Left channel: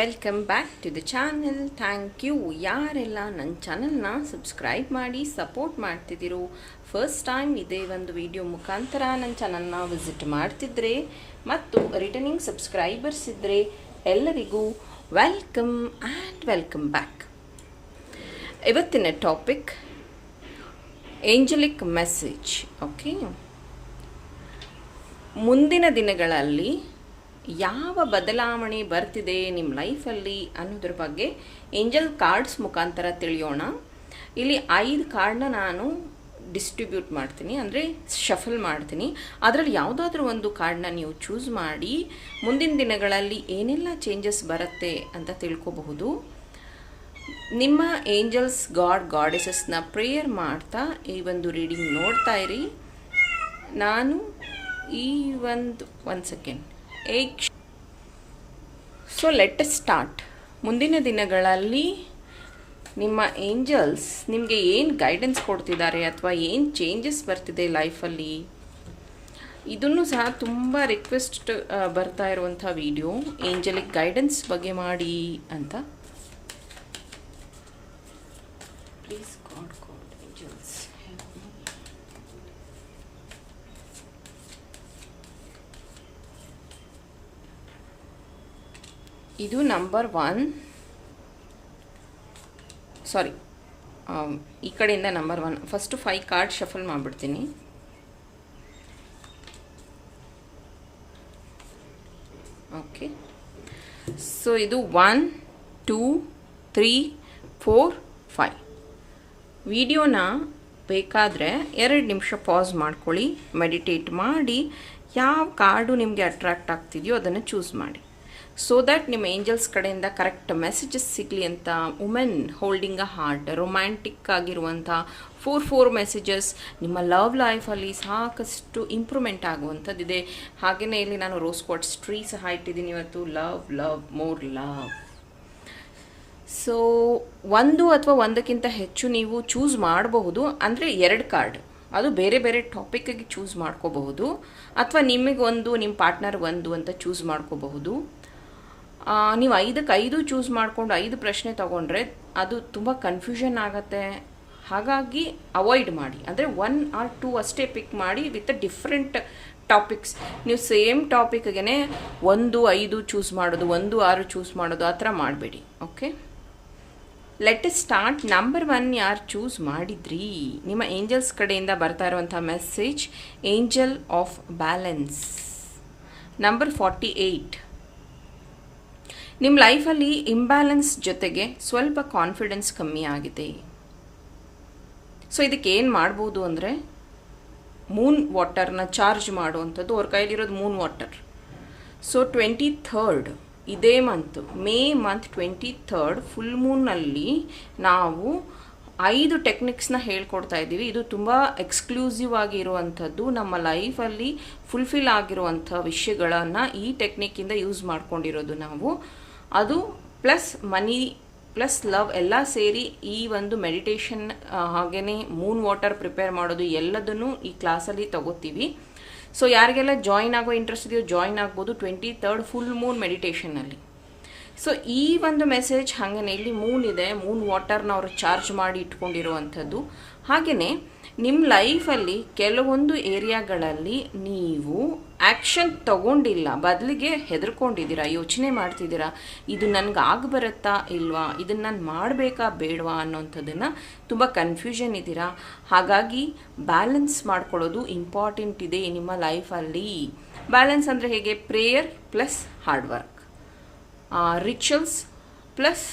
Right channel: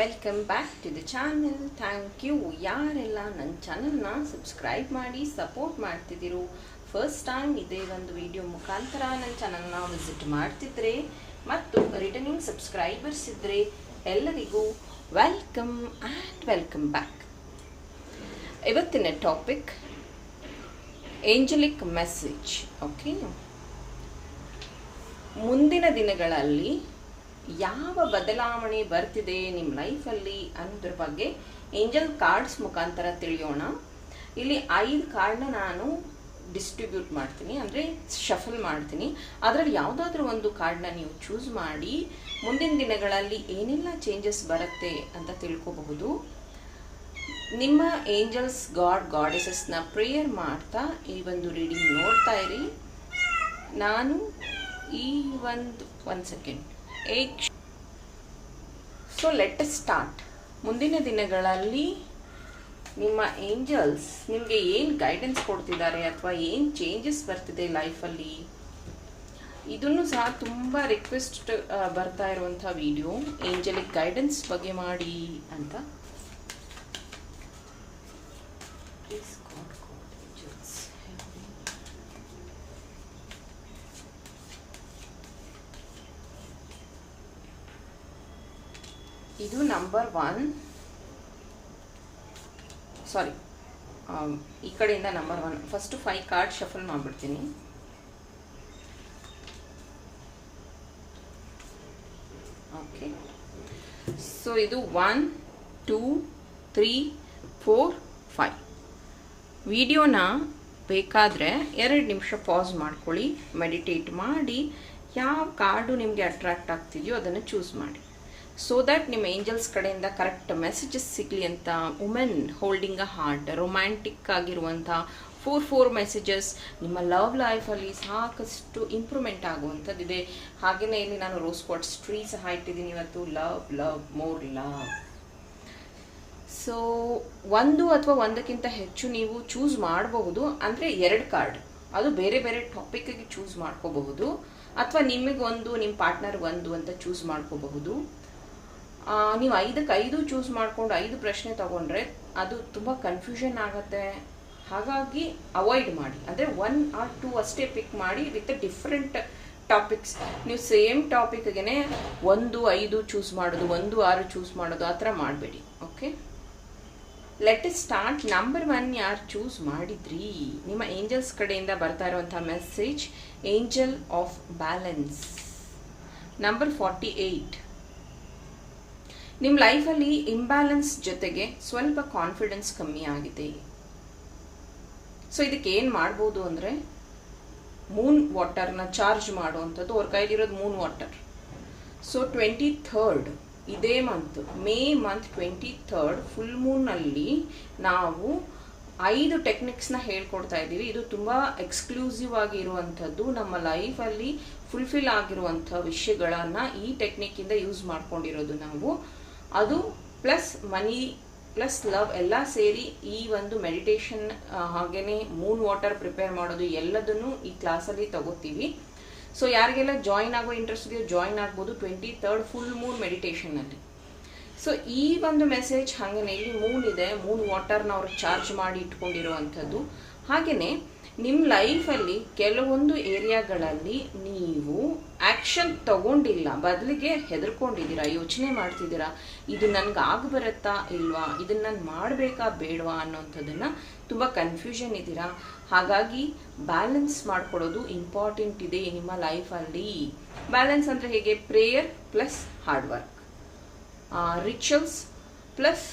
Welcome back to the channel thank you ಯಾರೆಲ್ಲ ನನ್ನ ಚಾನಲ್ನ ಸಬ್ಸ್ಕ್ರೈಬ್ ಮಾಡಿ ಸಪೋರ್ಟ್ ಮಾಡ್ತಿದ್ದೀರೋ ಫಸ್ಟ್ ಟೈಮ್ ಇದೇ ಒಂದು ವಿಡಿಯೋ ಮುಖಾಂತರ ನನ್ನ ಚಾನಲ್ನ ವಿಸಿಟ್ ಮಾಡ್ತಿದ್ರೆ ಮತ್ತು ರಿಟರ್ನಿಂಗ್ ಸಬ್ಸ್ಕ್ರೈಬರ್ಸ್ ಇದ್ದರೆ ಎಲ್ಲರಿಗೂ ವೆಲ್ಕಮ್ ಆ್ಯಂಡ್ ವೆಲ್ಕಮ್ ಬ್ಯಾಕ್ ಇವತ್ತಿನ ಟಾಪಿಕ್ ಏಂಜಲಿಕ್ ಮೆಸೇಜ್ ಓಕೆ ಮುಂದಿನ ದಿನಗಳಲ್ಲಿ ಯಾವ ಬದಲಾವಣೆ ಬರ್ತಿದೆ ನಿಮ್ಮ ಲೈಫಲ್ಲಿ ಅನ್ನೋದ್ರ ಬಗ್ಗೆ ಏಂಜಲ್ ಕಾರ್ಡ್ಸ್ ಮುಖಾಂತರ ತಿಳಿಯೋಣ. ಇಲ್ಲಿ ಐದು ಕಾರ್ಡ್ನ ನಾನು ಡಿಸ್ಟ್ರಿಬ್ಯೂಟ್ ಮಾಡ್ತೀನಿ, ಅಂದರೆ ಶಫಲ್ ಮಾಡ್ತೀನಿ. ಅದರಲ್ಲಿ ಯಾವುದಾದ್ರೂ ಒಂದು ಕಾರ್ಡ್ನ ನೀವು ಚೂಸ್ ಮಾಡಿ, ಮುಂದಿನ ದಿನಗಳಲ್ಲಿ ಏನೆಲ್ಲ ಚೇಂಜಸ್ ಬರುತ್ತೆ ಅಂತ ತಿಳ್ಕೋಬಹುದು. ನಿಮ್ಮ ಏಂಜಲ್ಸ್ ಗಾಡ್ ಗಾಡೆಸಸ್ನ ಪ್ರೇಯರ್ ಮಾಡ್ತಾ ಈ ಒಂದು ರೀಡಿಂಗ್ ನೋಡ್ತಾ ಇರಿ. ನಾನು ಈ ಒಂದು ಒಂದು ಸೆಕೆಂಡ್ ಏಕ್ ಸೊ ಲೆಟ್ ಸ್ಟಾರ್ಟ್ ಮುಂದಿನ ದಿನಗಳಲ್ಲಿ ನಿಮ್ಮ ಏಂಜಲ್ಸ್ ನಿಮಗೆ ಏನು ಗೈಡೆನ್ಸ್ ಕೊಡ್ತಿದ್ದಾರೆ ಅಥವಾ ಏನು ಚೇಂಜಸ್ ಬರ್ತಿದೆ ಲೈಫಲ್ಲಿ ಇದನ್ನು ಸಹ ತುಂಬ ರಿಕ್ವೆಸ್ಟ್ ಬರ್ತಾ ಇರುವಂಥ ವೀಡಿಯೋ ಏಂಜಲಿಕ್ ಗೈಡೆನ್ಸ್ ಬಗ್ಗೆ ಮಾಡಿ ಅಂತ. ಇದು ನಂಬರ್ ಒನ್ ಸಾರಿ ಈ ಕಡೆಯಿಂದ number one first five card shuffle ಮಾಡಿಬಿಡ್ತೀನಿ. ಓಕೆ ಸೊ ಇದು one two three four five ವಿಡಿಯೋನ ಬೇಕಾದರೆ ಎರಡು ನಿಮಿಷ ಪಾಸ್ ಮಾಡ್ಕೊಳ್ಳಿ ಮೆಡಿಟೇಟ್ ಮಾಡಿ, ಯಾವ ಕಾರ್ಡು ನಿಮಗೆ ಅಟ್ರಾಕ್ಟ್ ಆಗ್ತಿದೆಯೋ ಅದನ್ನು ಚೂಸ್ ಮಾಡಿ. ಸೊ ದ್ಯಾಟ್ ನಿಮ್ಮ ಏಂಜಲ್ಸ್ ಕಡೆಯಿಂದ ಕರೆಕ್ಟ್ ಮೆಸೇಜಸ್ ಸಿಗಲಿ ಅಂತ women holding a heart romantic ಆಗಿರುವಂಥ ಫೋರ್ ಫೋರ್ ಮೆಸೇಜಸ್ ನಿಮ್ಮ ಲವ್ ಲೈಫಲ್ಲಿ ಸಾಕಷ್ಟು ಇಂಪ್ರೂವ್ಮೆಂಟ್ ಆಗುವಂಥದ್ದಿದೆ. ಹಾಗೆಯೇ ಇಲ್ಲಿ ನಾನು ರೋಸ್ ಕ್ವಾಟ್ಸ್ ಟ್ರೀ ಸಹ ಇಟ್ಟಿದ್ದೀನಿ ಇವತ್ತು. Love love more love so ಒಂದು ಅಥವಾ ಒಂದಕ್ಕಿಂತ ಹೆಚ್ಚು ನೀವು ಚೂಸ್ ಮಾಡಬಹುದು. ಅಂದರೆ ಎರಡು ಕಾರ್ಡ್ ಅದು ಬೇರೆ ಬೇರೆ ಟಾಪಿಕ್ಗೆ ಚೂಸ್ ಮಾಡ್ಕೋಬಹುದು. ಅಥವಾ ನಿಮಗೆ ಒಂದು, ನಿಮ್ಮ ಪಾರ್ಟ್ನರ್ ಒಂದು ಅಂತ ಚೂಸ್ ಮಾಡ್ಕೋಬಹುದು. ನೀವು ಐದಕ್ಕೆ ಐದು ಚೂಸ್ ಮಾಡಿಕೊಂಡು ಐದು ಪ್ರಶ್ನೆ ತಗೊಂಡ್ರೆ ಅದು ತುಂಬ ಕನ್ಫ್ಯೂಷನ್ ಆಗುತ್ತೆ. ಹಾಗಾಗಿ ಅವಾಯ್ಡ್ ಮಾಡಿ. ಅಂದರೆ ಒನ್ ಆರ್ ಟೂ ಅಷ್ಟೇ ಪಿಕ್ ಮಾಡಿ ವಿತ್ ಡಿಫ್ರೆಂಟ್ ಟಾಪಿಕ್ಸ್ ನೀವು ಸೇಮ್ ಟಾಪಿಕ್ಗೆ ಒಂದು, ಐದು ಚೂಸ್ ಮಾಡೋದು, ಒಂದು, ಆರು ಚೂಸ್ ಮಾಡೋದು ಆ ಥರ ಮಾಡಬೇಡಿ. Okay let start number one ಯಾರು ಚೂಸ್ ಮಾಡಿದ್ರಿ? ನಿಮ್ಮ ಏಂಜಲ್ಸ್ ಕಡೆಯಿಂದ ಬರ್ತಾ ಇರುವಂಥ message angel of balance number forty eight ನಿಮ್ಮ ಲೈಫಲ್ಲಿ ಇಂಬ್ಯಾಲೆನ್ಸ್ ಜೊತೆಗೆ ಸ್ವಲ್ಪ ಕಾನ್ಫಿಡೆನ್ಸ್ ಕಮ್ಮಿ ಆಗಿದೆ. ಸೊ ಇದಕ್ಕೆ ಏನು ಮಾಡ್ಬೋದು ಅಂದರೆ ಮೂನ್ ವಾಟರ್ನ ಚಾರ್ಜ್ ಮಾಡುವಂಥದ್ದು, ಅವ್ರ ಕೈಲಿರೋದು moon water so twenty third ಇದೇ month May month twenty third full ಮೂನ್ನಲ್ಲಿ ನಾವು ಐದು ಟೆಕ್ನಿಕ್ಸ್ನ ಹೇಳ್ಕೊಡ್ತಾ ಇದ್ದೀವಿ. ಇದು ತುಂಬ ಎಕ್ಸ್ಕ್ಲೂಸಿವ್ ಆಗಿರುವಂಥದ್ದು. ನಮ್ಮ ಲೈಫಲ್ಲಿ ಫುಲ್ಫಿಲ್ ಆಗಿರುವಂಥ ವಿಷಯಗಳನ್ನು ಈ ಟೆಕ್ನಿಕ್ಕಿಂದ ಯೂಸ್ ಮಾಡ್ಕೊಂಡಿರೋದು ನಾವು. ಅದು ಪ್ಲಸ್ ಮನಿ ಪ್ಲಸ್ ಲವ್ ಎಲ್ಲ ಸೇರಿ ಈ ಒಂದು ಮೆಡಿಟೇಷನ್ ಹಾಗೆಯೇ ಮೂನ್ ವಾಟರ್ ಪ್ರಿಪೇರ್ ಮಾಡೋದು ಎಲ್ಲದನ್ನು ಈ ಕ್ಲಾಸಲ್ಲಿ ತಗೋತೀವಿ. ಸೊ ಯಾರಿಗೆಲ್ಲ ಜಾಯಿನ್ ಆಗೋ ಇಂಟ್ರೆಸ್ಟ್ ಇದೆಯೋ ಜಾಯಿನ್ ಆಗ್ಬೋದು ಟ್ವೆಂಟಿ ತರ್ಡ್ ಫುಲ್ ಮೂನ್ ಮೆಡಿಟೇಷನಲ್ಲಿ ಸೊ ಈ ಒಂದು ಮೆಸೇಜ್ ಹಾಗೇನೆ ಇಲ್ಲಿ ಮೂನ್ ಇದೆ ಮೂನ್ ವಾಟರ್ನ ಅವರು ಚಾರ್ಜ್ ಮಾಡಿ ಇಟ್ಕೊಂಡಿರುವಂಥದ್ದು. ಹಾಗೆಯೇ ನಿಮ್ಮ ಲೈಫಲ್ಲಿ ಕೆಲವೊಂದು ಏರಿಯಾಗಳಲ್ಲಿ ನೀವು ಆ್ಯಕ್ಷನ್ ತಗೊಂಡಿಲ್ಲ. ಬದಲಿಗೆ ಹೆದರ್ಕೊಂಡಿದ್ದೀರಾ? ಯೋಚನೆ ಮಾಡ್ತಿದ್ದೀರಾ? ಇದು ನನಗೆ ಆಗ ಬರುತ್ತಾ ಇಲ್ವಾ? ಇದನ್ನು ನಾನು ಮಾಡಬೇಕಾ ಬೇಡವಾ ಅನ್ನೋಂಥದ್ದನ್ನು ತುಂಬ ಕನ್ಫ್ಯೂಷನ್ ಇದ್ದೀರಾ? ಹಾಗಾಗಿ ಬ್ಯಾಲೆನ್ಸ್ ಮಾಡ್ಕೊಳ್ಳೋದು ಇಂಪಾರ್ಟೆಂಟ್ ಇದೆ ನಿಮ್ಮ ಲೈಫಲ್ಲಿ ಬ್ಯಾಲೆನ್ಸ್ ಅಂದರೆ ಹೇಗೆ? Prayer plus hard work rituals plus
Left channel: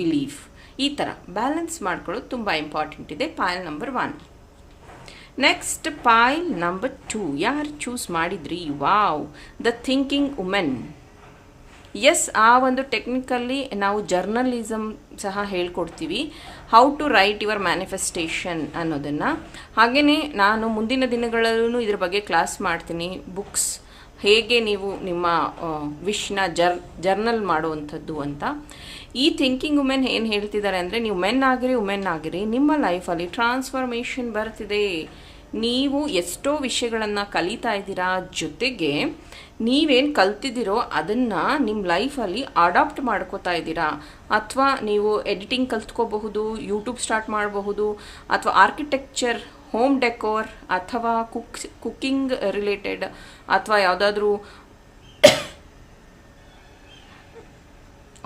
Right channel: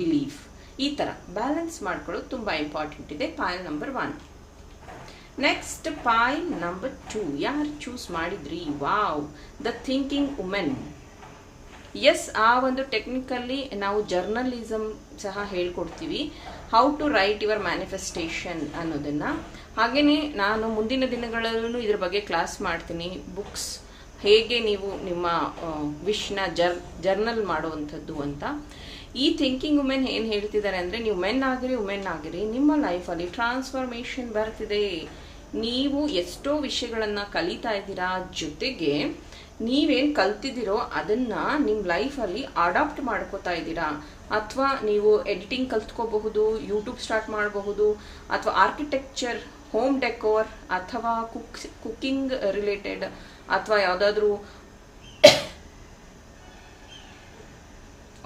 belief ಈ ಥರ ಬ್ಯಾಲೆನ್ಸ್ ಮಾಡ್ಕೊಳ್ಳೋದು ತುಂಬ ಇಂಪಾರ್ಟೆಂಟ್ ಇದೆ. Payal number one next Pai number two ಯಾರು ಚೂಸ್ ಮಾಡಿದ್ರಿ? Wow the thinking women S ಆ ಒಂದು ಟೆಕ್ನಿಕಲ್ಲಿ ನಾವು ಜರ್ನಲಿಸಮ್ ಸಹ ಹೇಳ್ಕೊಡ್ತೀವಿ. How to write your manifestation ಅನ್ನೋದನ್ನು. ಹಾಗೆಯೇ ನಾನು ಮುಂದಿನ ದಿನಗಳಲ್ಲೂ ಇದ್ರ ಬಗ್ಗೆ ಕ್ಲಾಸ್ ಮಾಡ್ತೀನಿ. ಬುಕ್ಸ್ ಹೇಗೆ ನೀವು ನಿಮ್ಮ ವಿಶ್ನ ಜರ್ ಜರ್ನಲ್ ಮಾಡುವಂಥದ್ದು ಅಂತ. ಈ ಥಿಂಕಿಂಗ್ ವುಮೆನ್ ಏನು ಹೇಳ್ತಿದ್ದಾರೆ ಅಂದರೆ, ನೀವು ಮೆನ್ ಆಗಿರಿ ವುಮೆನ್ ಆಗಿರಿ, ನಿಮ್ಮ ಲೈಫಲ್ಲಿ ಟ್ರಾನ್ಸ್ಫಾರ್ಮೇಷನ್ ಬರ್ತಿದೆ. ನೀವು ಎಷ್ಟೋ ವಿಷಯಗಳನ್ನು ಕಲಿತಾ ಇದ್ದೀರಾ ಜೊತೆಗೆ ನೀವೇನು ಕಲ್ತಿದ್ದೀರೋ ಅದನ್ನು ನಿಮ್ಮ ಲೈಫಲ್ಲಿ ಅಡಾಪ್ಟ್ ಮಾಡ್ಕೋತಾ ಇದ್ದೀರಾ? ಅಥವಾ ನೀವು ಎಡಿಟಿಂಗ್ ಕಲ್ತ್ಕೋಬಹುದು ಯೂಟ್ಯೂಬ್ ಸ್ಟಾರ್ಟ್ ಮಾಡಬಹುದು, ಅಥವಾ ಆರ್ಕಿಟೆಕ್ಚರ್ ಹೋಮ್ ಡೆಕೋರ್ ಅಥವಾ ಕುಕ್ ಕುಕ್ಕಿಂಗ್ ರಿಲೇಟೆಡ್ ಅಥವಾ ಯಾವುದಾದ್ರೂ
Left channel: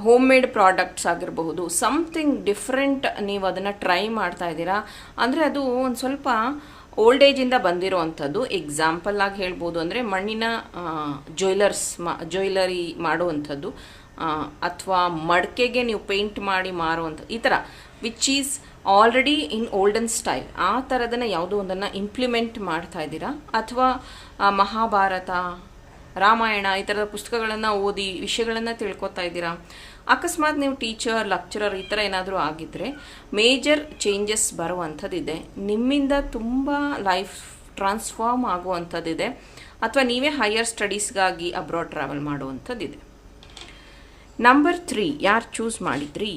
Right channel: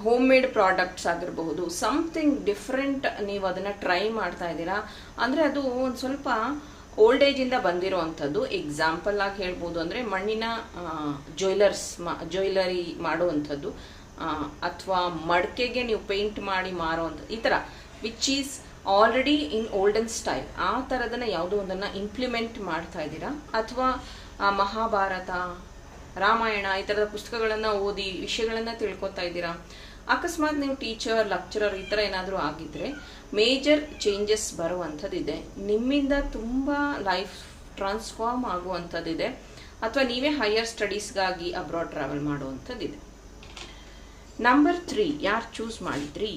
ಹೋಮ್ ಮೇಡ್ ಪ್ರಾಡಕ್ಟ್ಸ್ ಆಗಿರಬಹುದು. ಸಮಥಿಂಗ್ ಡಿಫ್ರೆಂಟ್ ನೀವು ಅದನ್ನು ಟ್ರೈ ಮಾಡ್ತಾ ಇದ್ದೀರಾ? ಅಂದರೆ ಅದು ಒಂದು ಸ್ವಲ್ಪ ಓಲ್ಡ್ ಏಜಿಂದ ಬಂದಿರುವಂಥದ್ದು ಎಕ್ಸಾಂಪಲ್ ಆಗಿ ಹೇಳ್ಬೋದು ಅಂದರೆ ಮಣ್ಣಿನ ಜ್ಯುವೆಲರ್ಸ್ ಮಾ ಜ್ಯುವೆಲರಿ ಮಾಡುವಂಥದ್ದು ಅಥವಾ ಮಡಕೆಗೆ ನೀವು ಪೇಂಟ್ ಮಾಡಿ ಮಾರುವಂಥದ್ದು ಈ ಥರ which is already in olden style ಆ ಥರದನ್ನ ಯಾವುದೋ ಒಂದನ್ನು ಇಂಪ್ಲಿಮೆಂಟ್ ಮಾಡ್ತಾ ಇದ್ದೀರಾ? ಅಥವಾ ಮಹಾಭಾರತ, ರಾಮಾಯಣ, ಈ ಥರದ ಪುಸ್ತಕಗಳನ್ನು ಓದಿ, ವಿಷಯಗಳನ್ನು ತಿಳ್ಕೊತಾ ಇದ್ದೀರಾ? ಅಕಸ್ಮಾತ್ ನೀವು ಟೀಚರ್ ಲೆಕ್ಚರರ್ ಈ ಥರ ಏನಾದರೂ ಆಗಿದ್ದರೆ ಮೇಜರ್ ಚೇಂಜಸ್ ಬರುವಂಥದ್ದಿದೆ. ನಿಮ್ಮಿಂದ ತುಂಬ ಲೈಫ್ ಟ್ರಾನ್ಸ್ಫಾರ್ಮ್ ಆಗುವಂಥದ್ದಿದೆ. ಅಥವಾ ನೀವೇ ಹೈಯರ್ ಸ್ಟಡೀಸ್ಗಾಗಿ ಅಬ್ರಾಡ್ ಟ್ರಾವೆಲ್ ಮಾಡುವಂಥದ್ದಿದೆ. ನಂಬರ್ ತ್ರೀ ಯಾರು ಚೂಸ್ ಮಾಡಿದ್ರಿ?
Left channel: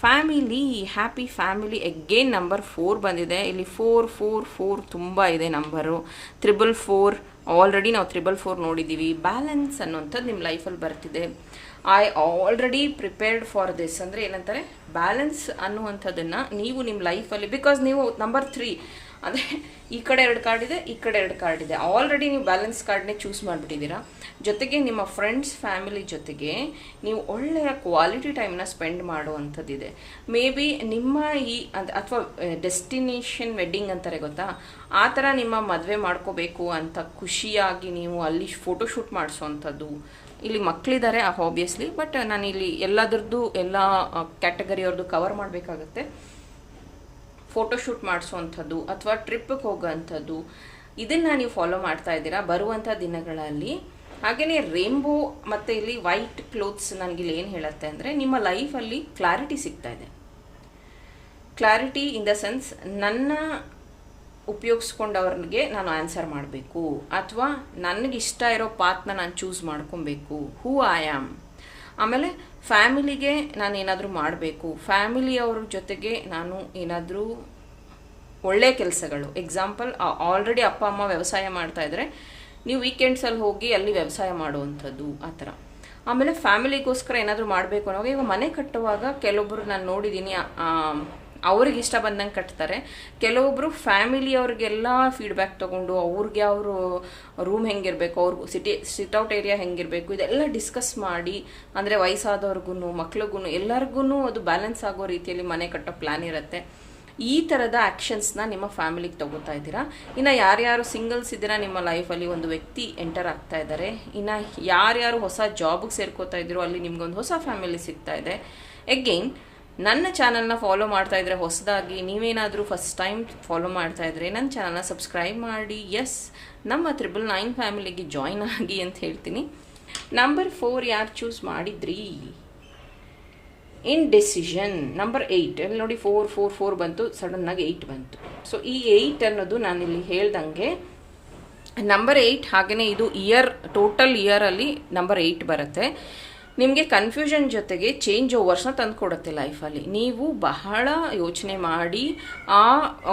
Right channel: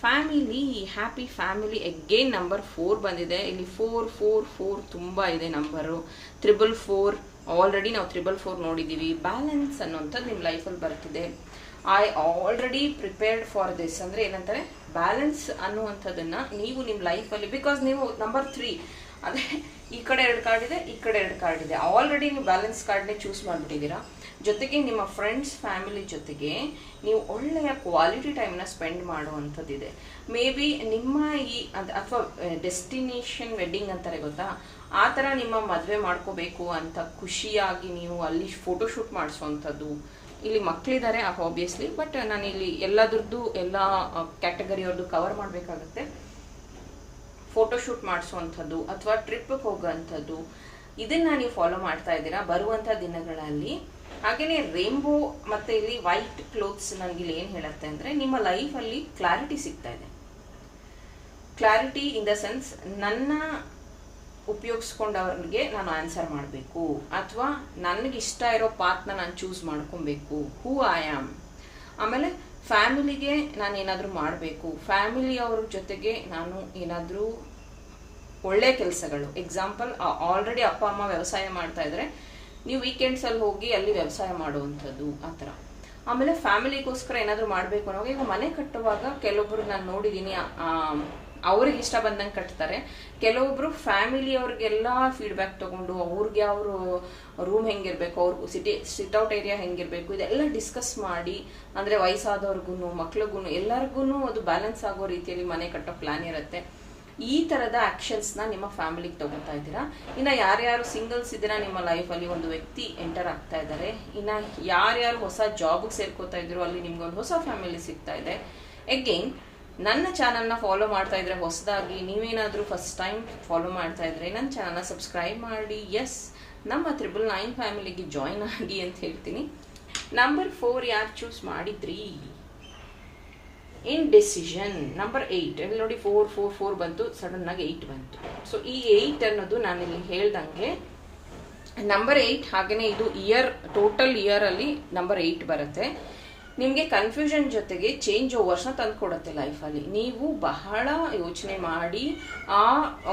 Family happy family again number four ಬಂದಿದೆ. ಇಲ್ಲಿ ಫೋರ್ ಫೋರ್ ಫೋರ್ ತುಂಬ ಇದೆ ನಂಬರು ತ್ರಿಬಲ್ ಫೋರ್ ಆಲ್ರೆಡಿ ನಾವು ತ್ರಿಬಲ್ ಫೋರ್ ನೋಡಿದ್ದೀವಿ. ಬ್ಯಾಲೆನ್ಸ್ ಅನ್ನೋಂಥದ್ದು ನಿಮ್ಮ ಲೈಫಲ್ಲಿ ಬರ್ತಿದೆ. I already prepared for this ಅಂದರೆ ಏನಂತಾರೆ? ಬ್ಯಾಲೆನ್ಸ್ ಅನ್ನುವಂಥದ್ದನ್ನು ನೀವು ನಿಮ್ಮ ಲೈಫಲ್ಲಿ ಬಿಕಾಸ್ ನೀವು ನಂಬರ್ ತ್ರೀ ಅಂದರೆ ಈ ಕಡೆ ಎರಡು ಕಾರ್ಡ್ ಇದೆ, ಈ ಕಡೆ ಎರಡು ಕಾರ್ಡ್ ಇದೆ. ಆಲ್ರೆಡಿ ನೀವು ಬ್ಯಾಲೆನ್ಸ್ ಕಾರ್ಡ್ನೇ ಚೂಸ್ ಮಾಡಿಬಿಟ್ಟಿದ್ದೀರಾ? ಜೊತೆಗೆ ನಿಮ್ಮ ಫ್ರೆಂಡ್ಸ್ ಫ್ಯಾಮಿಲಿ ಜೊತೆಗೆ ನೀವು ಒಳ್ಳೆಯ ಕ್ವಾಲಿಟಿ ಟೈಮ್ನ ಸ್ಪೆಂಡ್ ಮಾಡುವಂಥದ್ದಿದೆ. ಮೇ ಬಿ ನಿಮ್ಮ ಈ ಅಥವಾ ಡೆಸ್ಟಿನೇಷನ್ ವೆಡ್ಡಿಂಗ್ ಅಂತಾರೆ ಗೊತ್ತಾ? ಆ ಥರ ನಿಮ್ಮ ಮದುವೆ ಮಾಡ್ಕೋಬೇಕು ಅಂತ ಖುಷಿಯಾಗಿ ನೀವು ಅಲ್ಲಿ ಫೋಟೋಶೂಟ್ ಮಾಡಿಸೋವಂಥದ್ದು. ಇಲ್ಲಿ ಮಕ್ಕಳಿದ್ದಾರೆ ಆಬ್ವಿಯಸ್ಲಿ ಬಟ್ ನಾನು ಇಲ್ಲಿ ಎಲ್ಲದರದ್ದು ಎಲ್ಲ ಕ್ಯಾಟಗರಿಯವ್ರದ್ದು ಕವರ್ ಮಾಡಬೇಕಾಗತ್ತೆ. ಫೋಟೋಶೂಟ್ ಮಾಡಿಸುವಂಥದ್ದು ಅಥವಾ ಟ್ರಿಪ್ಗೆ ಹೋಗೋವಂಥದ್ದು ಇದನ್ನ ನೀವು ಫಾಲೋ ಮಾಡ್ತಾ ಇದ್ದೀರಾ ಬರುವಂಥ ದಿನಗಳಲ್ಲಿ. ಹಾಗೆಯೇ ರೇನ್ಬೋ ಮತ್ತು ಇಲ್ಲಿ ವೈಟ್ ಕ್ಲೋತ್ಸ್ ನನಗೆ ಇಲ್ಲಿ ಏನು ಹೇಳುತ್ತೆ ಅಂದರೆ ನಿಮ್ಮ ಲೈಫಲ್ಲಿ ಕ್ಲಾರಿಟಿ ಸಿಗ್ತಾ ಇದೆ. ಕ್ಲಾರಿಟಿ ಇನ್ ದ ಸೆನ್ಸ್ ನನ್ನ ಉಪಯೋಗಿಸ್ಕೊಂಡವ್ರಿಗೆ ನಾನು ಆನ್ಸರ್ ಮಾಡಬೇಕು. ಅಥವಾ ನನಗೆ ಇಷ್ಟ ಇರೋ ಪಾತ್ನ ನಾನು ಚೂಸ್ ಮಾಡ್ಕೊಬೇಕು. ಹೂ ಐ ಆಮ್ ಆಮೇಲೆ ಫ್ಯಾಮಿಲಿಗೆ ನಾನು ಏನಾದರೂ ಮಾಡಬೇಕು. ಫ್ಯಾಮಿಲಿಯವ್ರ ಜೊತೆಗೆ ನಾನು ಏನಾದರೂ ಒಳ್ಳೆ ಕೆಲಸಗಳು. ಎಕ್ಸಾಂಪಲ್ ಆಲ್ರೆಡಿ ಅಪ್ಪ, ಅಮ್ಮ ವ್ಯವಸಾಯ ಮಾಡ್ತಾ ಇದ್ರೆ ನೀವು ವೀಕೆಂಡ್ಸಲ್ಲಿ ಹೋಗಿ ಅಲ್ಲಿ ವ್ಯವಸಾಯ ಮಾಡುವಂಥದ್ದು, ಆ ಥರ. ಆಮೇಲೆ ಫ್ಯಾಮಿಲಿಗೋಸ್ಕರ ಏನಾದರೂ ಮಾಡಬೇಕು ಅನ್ನೋ ಈಗ ಮನೆ ಕಟ್ಟುವಾಗ ಕೆಲವೊಬ್ಬರು ನಾನು ನೋಡಿದ್ದೀನಿ ಅವ್ರಿಗೆ ಇಷ್ಟ ಬಂದಂಗೆ ಕಟ್ತಾರೆ. ಕೆಲವೊಬ್ರು ಫ್ಯಾಮಿಲಿಯವ್ರಿಗೆಲ್ಲ ಫೀಡ್ಬ್ಯಾಕ್ ತಗೊಂಡು ಅವ್ರಿಗೆ ಅವರು ರೂಮ್ ಹೆಂಗಿರ್ಬೇಕು, ಅವ್ರ ಸಿಟಿ ಸಿಟ್ಔಟ್ ಏರಿಯಾ ಹೆಂಗಿರ್ಬೇಕು, ಇದೆಲ್ಲ ಡಿಸ್ಕಸ್ ಮಾಡಿ, ಅಂದರೆ ವಯಸ್ಸಾದವ್ರಿಗೂ ಮಕ್ಳಿಗೂ ಎಲ್ಲರಿಗೂ ಅದು ಬ್ಯಾಲೆನ್ಸ್ ಆಗೋ ರೀತಿಯಲ್ಲಿ ಮನೆ ಕಟ್ಟೋ ಪ್ಲಾನ್ ಇರುತ್ತೆ. ಈ ಥರದ ಆ್ಯಕ್ಷನ್ಸ್ನ ನಿಮ್ಮ ಫ್ಯಾಮಿಲಿಗೆ ತಗೋತಾ ಇದ್ದೀರಾ? ಇನ್ನು ಯಾರ್ಯಾರು ಸಿಂಗಲ್ಸ್ ಇದ್ದೀರಾ ನಿಮ್ಮ ಲೈಫಲ್ಲಿ ಒಂದು ವ್ಯಕ್ತಿ ಎಂಟರ್ ಆಗ್ತಾ ಇದ್ದಾರೆ. ಇನ್ನು ಯಾರ್ಯಾರು ಹೊಸ ಜಾಬ್ಗೆ ಸೇರ್ಕೋತಾ ಇದ್ರು, ಅಲ್ಲಿ ನಿಮ್ಗೊಂದು ಹೊಸ ಫ್ಯಾಮಿಲಿ ಸಿಗ್ತಾ ಇದೆ. ಎಗೇನ್ ನನ್ನ ಚಾನಲ್ನ ಫಾಲೋ ಮಾಡ್ತಾ ಇದ್ರೆ ಹೊಸದಾಗಿ, ನೀವೇನಾದರೂ ಫಸ್ಟ್ ಟೈಮ್ ಫಾಲೋ ಮಾಡ್ತಾ ಇದ್ರೆ ನನ್ನ ಚಾನಲ್ನ ಸಬ್ಸ್ಕ್ರೈಬ್ ಮಾಡಿ. ಎಸ್ ನಮ್ಮ ತ್ರಿಬಲ್ ನೈನ್ ಫ್ಯಾಮಿಲಿಗೆ ಜಾಯ್ನ್ ಆಗಿ ಅಂತ ಹೇಳ್ತೀನಿ. ನಂಬರ್ ಫೋರ್ ಯಾರು ಚೂಸ್ ಮಾಡಿದ್ರಿ? ಇನ್ ಡಿಸಿಷನ್ ನಂಬರ್ ಏಯ್ಟ್ ಇಲ್ಲಿ ನೋಡಿ ಫೋರ್ ಫೋರ್ ಫೋರ್ ಬಂತು ಸಡನ್ನಾಗಿ ಏಯ್ಟ್ ಬಂತು. ಸೊ ಈ ಏಯ್ಟ್ ಅನ್ನೋದು ನಾನು ಇಲ್ಲಿ ಹೇಳ್ದಂಗೆ ನಂಬರ್ ಏಯ್ಟ್ ಹಾಗೆಯೇ ಇದು ಇಯರ್ ಟೋಟಲ್ ಇಯರಲ್ಲಿ ನಂಬರ್ ಏಯ್ಟ್ ಬರುತ್ತೆ. ನಿಮಗೆ ಕನ್ಫ್ಯೂಷನ್ ಜೊತೆಗೆ ಚೇಂಜ್ ಓವರ್ಸ್ನ ತಂದುಕೊಡುತ್ತೆ ಲೈಫಲ್ಲಿ ನೀವು ಬಹಳ ಯೋಚನೆ ಮಾಡಿ ಆ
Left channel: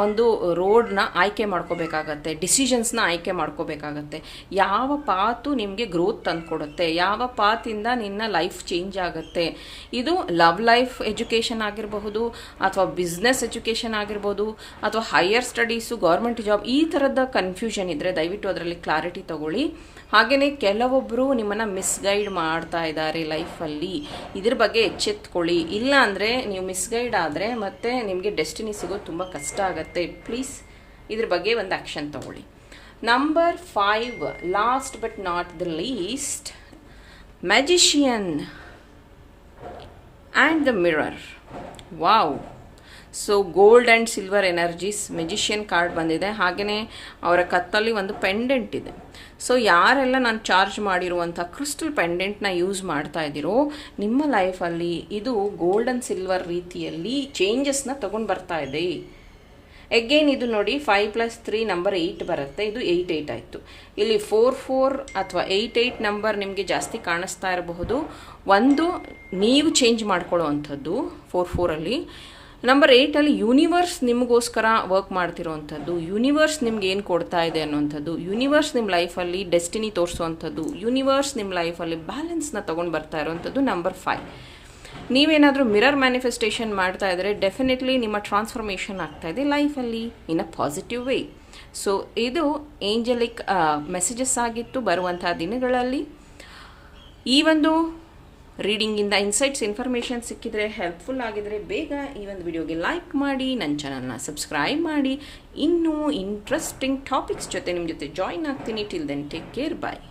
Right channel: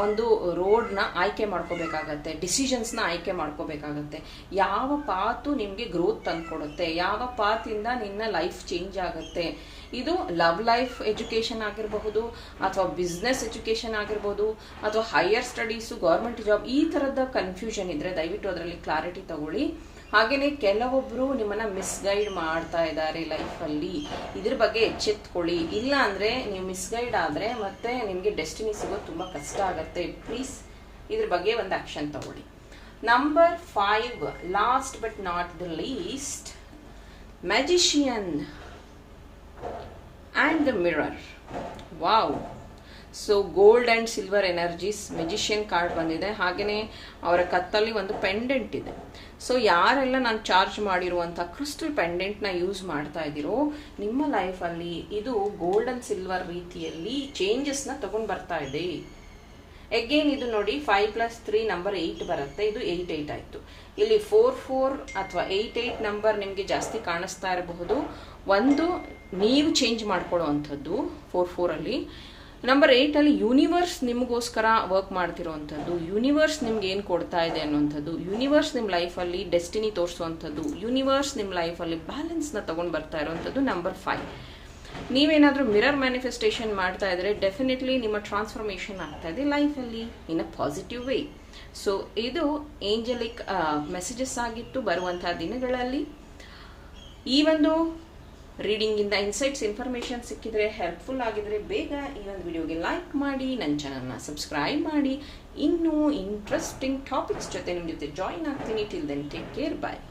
ಒಂದು ರೋಡ್ನ ಆಯ್ಕೆ ಮಾಡ್ಕೋಬೇಕಾಗತ್ತೆ ಡಿಸಿಷನ್ಸ್ನ ಆಯ್ಕೆ ಮಾಡ್ಕೋಬೇಕಾಗತ್ತೆ. ಯಾವ ಪಾತು ನಿಮಗೆ ಗ್ರೋತ್ ತಂದು ಕೊಡುತ್ತೆ, ಯಾವ ಪಾತಿಂದ ನಿನ್ನ ಲೈಫ್ ಚೇಂಜ್ ಆಗುತ್ತೆ. ಇದು ಲವ್ ಲೈಫ್ ಎಜುಕೇಷನ್ ಆಗಿರಬಹುದು, ಅಥವಾ ಬಿಸ್ನೆಸ್ ಎಜುಕೇಷನ್ ಆಗಿರ್ಬೋದು ಅಥವಾ ಹೈಯರ್ ಸ್ಟಡೀಸು ಗೌರ್ಮೆಂಟ್ ಜಾಬ್ ಈ ಥರದ ಕನ್ಫ್ಯೂಷನ್ ಇದ್ದರೆ ದಯವಿಟ್ಟು ಅದರಲ್ಲಿ ಕ್ಲಾರಿಟಿ ತಗೊಳ್ಳಿ. ಹಾಗೆಯೇ ಕೆಲವೊಬ್ಬರು ನಿಮ್ಮನ್ನು ಮಿಸ್ಗೈಡ್ ಮಾಡ್ತಾ ಇದ್ದಾರೆ ಲೈಫಲ್ಲಿ ಇದ್ರ ಬಗ್ಗೆ ಎಚ್ಚೆತ್ಕೊಳ್ಳಿ. ಇಲ್ಲ ಅಂದ್ರೆ ನೀವು ಮಿಸ್ಗೈಡ್ ಆದರೆ ಮತ್ತೆ ನಿಮಗೆ ಡೆಸ್ಟಿನಿ ಸಿಗೋದು ತುಂಬ ಕಷ್ಟ ಆಗುತ್ತೆ. ಪ್ಲೀಸ್ ಇದ್ರ ಬಗ್ಗೆ ಒಂದು ಆ್ಯಕ್ಷನ್ ತಗೊಳ್ಳಿ. Number five last but not the least magician and the mirror wow so gold and silver energies magician card ಬಂದಿದೆ. ಹಾಗೆಯೇ ಅವರ ಕತ್ತಲ್ಲಿ ಒಂದು ಪೆಂಡೆಂಟ್ ಇದೆ. ಸೊ ಯಾರೆಲ್ಲ ನಾನು ಚಾರ್ಜ್ ಮಾಡಿರುವಂಥ ಕ್ರಿಸ್ಟಲ್ ಪೆಂಡೆಂಟ್ನ ಯೂಸ್ ಮಾಡ್ತಾ ಇದ್ದೀರೋ, ನಿಮ್ಮ ಲೈಫಲ್ಲಿ ಇದು ಗೋಲ್ಡ್ ಆ್ಯಂಡ್ ಸಿಲ್ವರ್ ರೀತಿಯಲ್ಲಿ ಚೇಂಜಸ್ನ ತಗೊಂಡು ಬರ್ತಾ ಇದೆ. ಎಗೇನ್ ಇದು ನೋಡಿ five plus three number eight ಬರುತ್ತೆ. ಇದು ಏಯ್ಟ್ ಏಯ್ಟ್ ಆಯಿತು. ಇಲ್ಲಿ ಫೋರ್ ಫೋರ್ ಅಥವಾ ಏಯ್ಟ್ ಏಯ್ಟ್ ನಂಬರ್ ನಿಮಗೆ ಜಾಸ್ತಿ ಕಾಣಿಸ್ತಾ ಇರಬಹುದು. ಒಂದು, ನೀವು ಚೇಂಜ್ ಮಾಡ್ಕೊಳ್ಳೋ ಅಂಥದ್ದು ಫೋರ್ ಫೋರಲ್ಲಿ ನಂಬರ್ ಏಯ್ಟಲ್ಲಿ ಯೂನಿವರ್ಸ್ ನಿಮಗೋಸ್ಕರ ವರ್ಕ್ ಮಾಡ್ತಿರೋವಂಥದ್ದು ಯೂನಿವರ್ಸ್ ನಿಮ್ಗೆ ಏನು ಕೊಡ್ತಾ ಇದೆ ಅನ್ನೋಂಥದ್ದು ಯೂನಿವರ್ಸ್ ನಿಮ್ಮ ಲೈಫಲ್ಲಿ ಡೆಸ್ಟಿನಿ ತೋರಿಸುವಂಥದ್ದು ಯೂನಿವರ್ಸ್ ನಿಮ್ಮ ಲೈಫಲ್ಲಿ ಬ್ಯಾಲೆನ್ಸ್ನ ತೊಗೊಂಡು ಬರ್ತಾ ಇರೋವಂಥದ್ದು ನಂಬರ್ ಫೈವ್ ನೀವೇನಾದರೂ ಮಿರರ್ ಮ್ಯಾನಿಫೆಸ್ಟೇಷನ್ ಮಾಡ್ತಾ ಇದ್ರೆ ಡೆಫಿನೆಟ್ಲಿ ನಿಮ್ಮ ಟ್ರಾನ್ಸ್ಫಾರ್ಮೇಷನ್ ಆಗ್ತಾ ಇದೆ ಲೈಫಲ್ಲಿ in a positive way so ಇದು ಏಂಜಲಿಕ್ ಮೆಸೇಜಸ್ ಆಗಿತ್ತು ಬರುವಂತಹ ದಿನಗಳಲ್ಲಿ. ಈ ಒಂದು ರೀಡಿಂಗಿಂದ ಇನ್ಸೈಟ್ಸ್, ಇನ್ಫಾರ್ಮೇಷನ್ ಸಿಕ್ಕಿದ್ರೆ ಹೆಲ್ಪ್ಫುಲ್ ಆಗಿದ್ರೆ ಬೇಗ ಈ ಒಂದು ವಿಡಿಯೋಗೆ ಲೈಕ್ ಮಾಡಿ ನನ್ನ ಚಾನಲ್ನ ಸಬ್ಸ್ಕ್ರೈಬ್ ಮಾಡಿ. ಇನ್ನೂ ಇಂಟ್ರೆಸ್ಟಿಂಗ್ ಟಾಪಿಕ್ಸ್ ಜೊತೆ ನಿಮ್ಮ ಜೊತೆ ಜಾಯಿನ್ ಆಗ್ತೀನಿ. Till then take care bye